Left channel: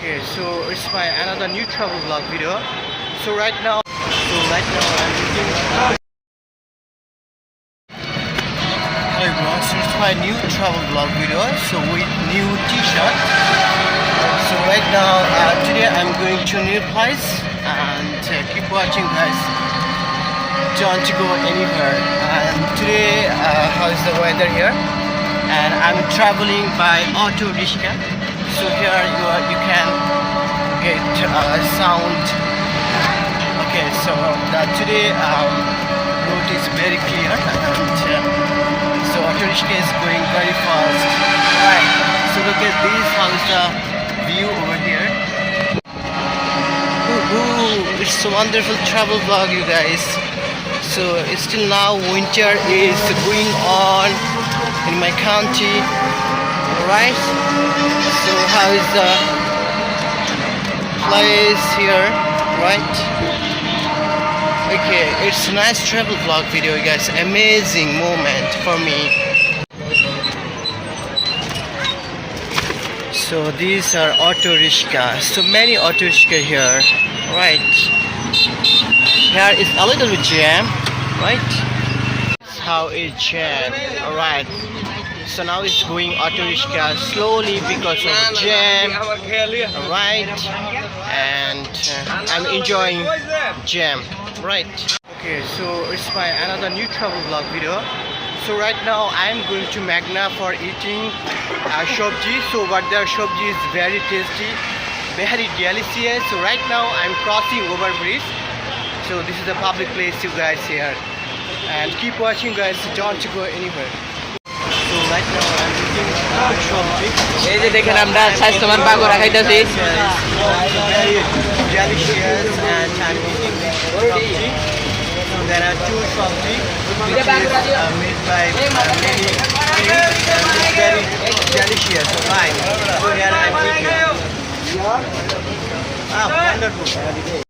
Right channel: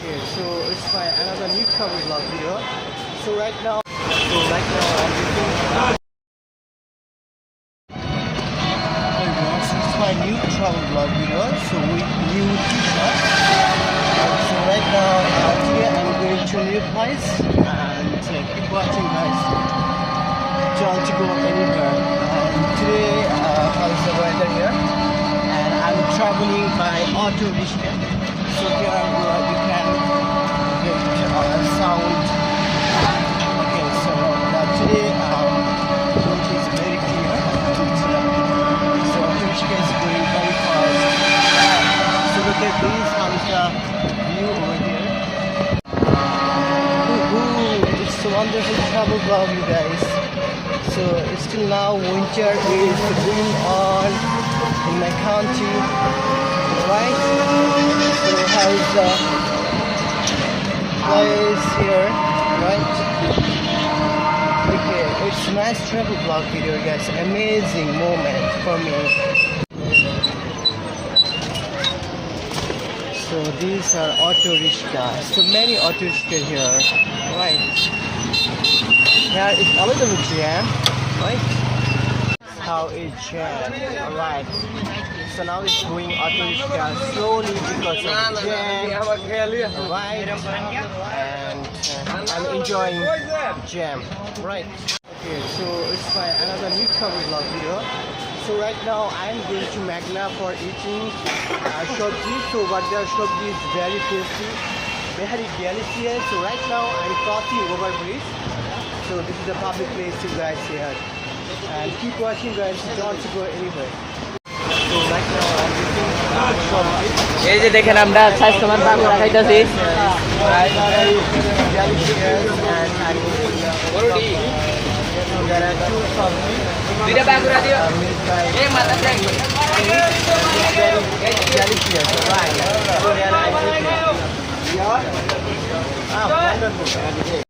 Okay, so it's my another new travel vlog video. So right now I'm looking. Hey bro, so it's my new travel vlog video. So with new T-shirt. So right now, today I'm going to a new place and keep watching, guys. Don't go anywhere. And today, how is the weather here? And I'm traveling by auto rickshaw. So here you can get sound. Okay, so today road is very clear and so auto rickshaw is going very fast. Right. So look at this. How is the view over here? Ooh, it's a wonderful travel vlog, you guys. So still now winter is going on in my country, right? So how is the place here, right? Okay, it's a nice travel vlog video, guys. Amazing moment for me. So these are auto rickshaw. So many auto rickshaw here, right? Here is a little bit jam, right? How it jam, alright. So now it's going auto rickshaw slowly because of jam, alright. And I'm enjoying jam, right? Okay, so it's my another new travel vlog video. So right now I'm going to Magna for eating shobji. So but their shobji is very tasty, very delicious. So right now I'm crossing over bridge. So this is a public place, you guys, here. And keep watching, guys. Don't go anywhere. So right now I'm eating shobji. এই যে দেখেন আমরা স্বাস্থ্যবান পাকোড়া খাইতেছি Very delicious and I'm eating shobji. There are two shobji. দুইটা পাকোড়া দিও Made by very delicious, right? So here I'm eating. Wonderful.